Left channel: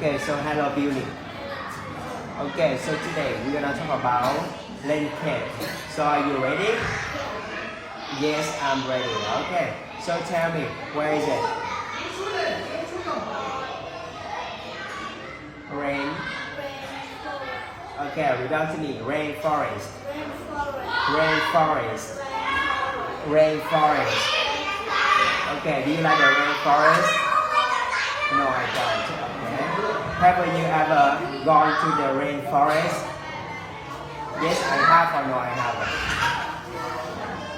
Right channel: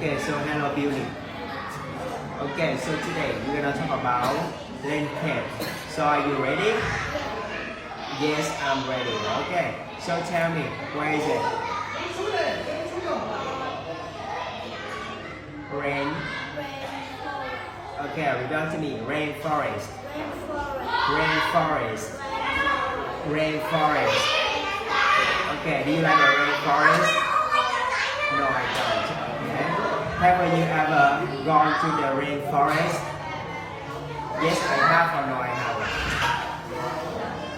Okay, so hello beauty. Okay, so today we're gonna talk about language. So are you ready? Yes, I'm ready. Okay, so tell me, where is it? Rain. Okay, read out to me. Rainforest. Rainforest. Rainforest. Okay, do you like the rainforest? No, I don't. Okay. Have you ever gone to the rainforest? Yes, I have, or no, I haven't?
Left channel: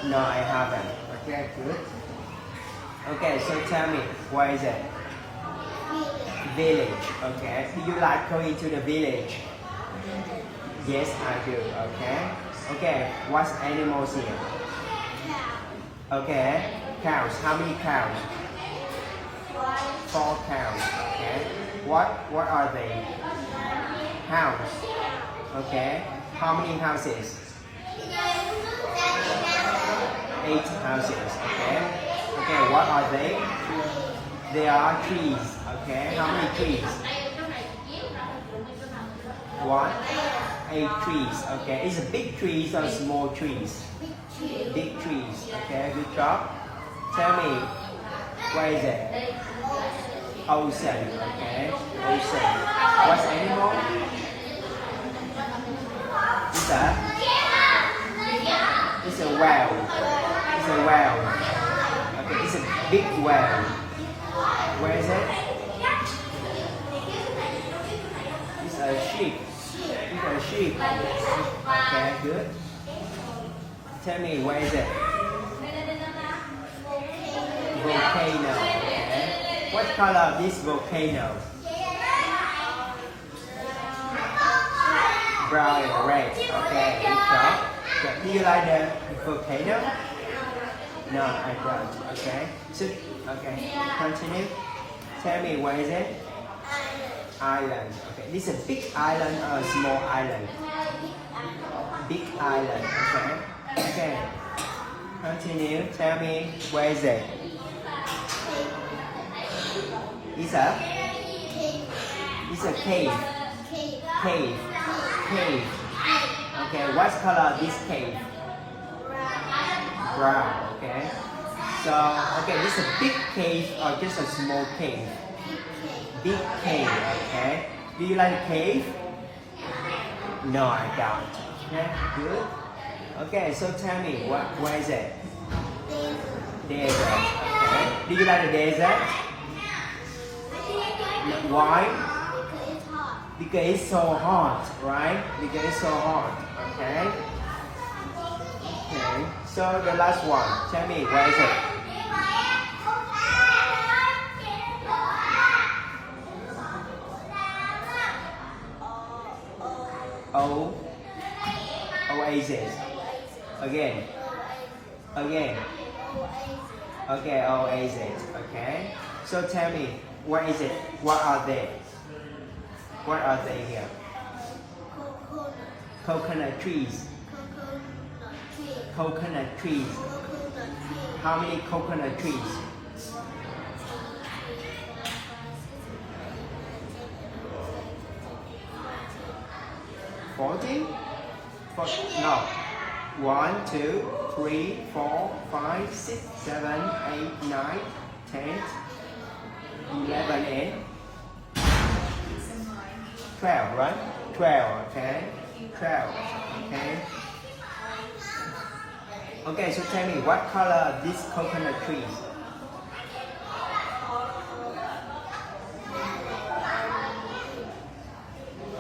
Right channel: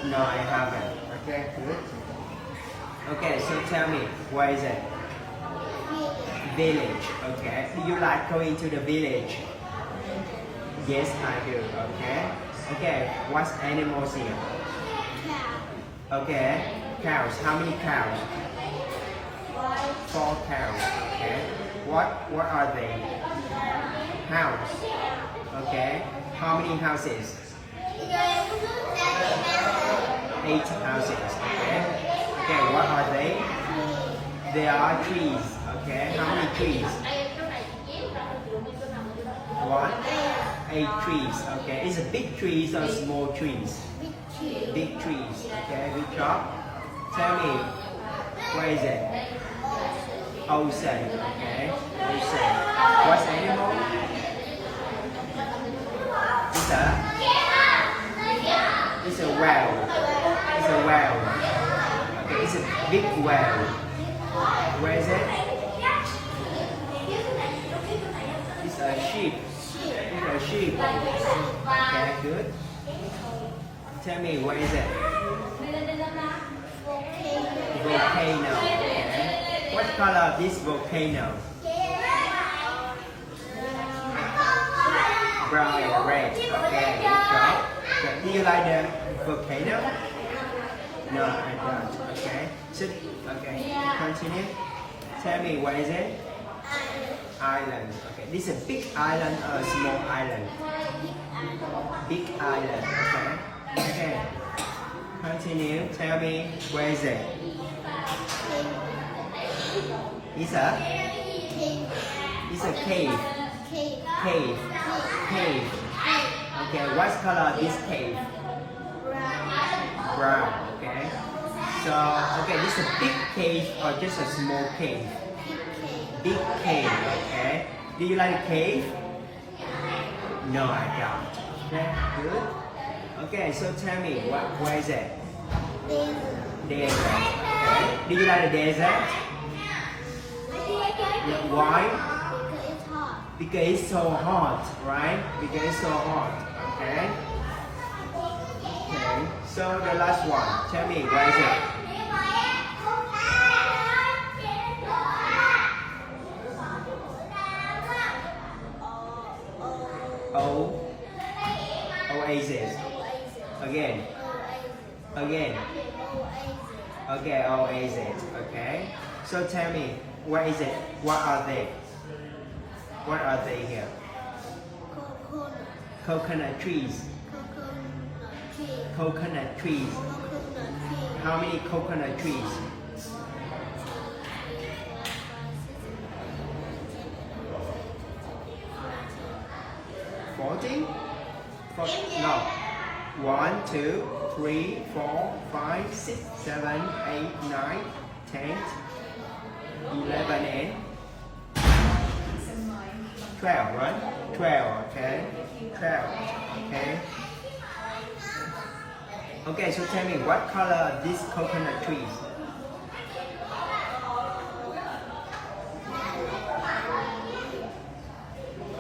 No, I haven't. Okay, good. Okay, so tell me, where is it? Village. Okay. Do you like going to the village? Yes, I do. Okay. Okay. What animals here? Cow. Okay. Cows. How many cows? 4 cows. Okay. What are they? House. Okay. How many houses? 8 houses. Okay. Okay. What are they? They are trees. Okay. How many trees? 1, 8 trees. Okay. Is it big trees or small trees? Big trees. Okay. Good job. Tell me, where is it? Ocean. Okay. Ocean. What's the animal? It's a whale. It's a whale. Okay. It's a big whale. Where is it? It's a sheep. It's a sheep. Okay, good. Tell me, where is it? Volcano. Okay. What color is this volcano? Brown and red. Okay, good job. Okay. Do you like the volcano? No, I don't. Okay. Sit. Okay. Continue. Tell me, where is it? Island. Okay. This is a big island or a small island? Big island. Okay. Okay. Continue. Tell me, where is it? It's a cave. Cave. Cave. Okay. What color is this cave? Brown. Okay. So, okay, this is a big cave or just a small cave? Big cave, okay. Do you like the cave? No, I don't. Okay, good. Okay, so tell me, where is it? Desert. Okay. Do you like the desert? Why? Because it's so hot, right? Because it's so hot. Okay. Okay. So the last one. Tell me, where is it? Oasis. Again. Okay, oasis. Okay. So tell me, where is it? What are they? What are they here? Coconut trees. Coconut trees. How many coconut trees? 40? No. 1, 2, 3, 4, 5, 6, 7, 8, 9, 10, 11, and 12, right? 12, okay. 12, okay. Okay, so tell me, what color are these coconut trees?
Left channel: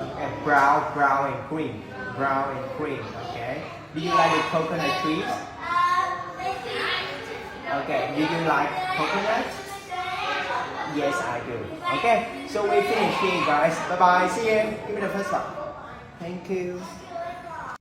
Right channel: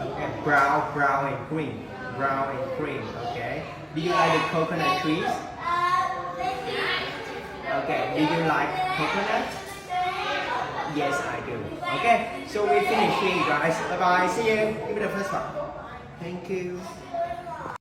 Okay, brown and green. Brown and green, okay. Do you like the coconut trees? Okay, do you like coconut? Yes, I do. Okay, so we finish here, guys. Bye bye. See you. Give me the first one. Thank you.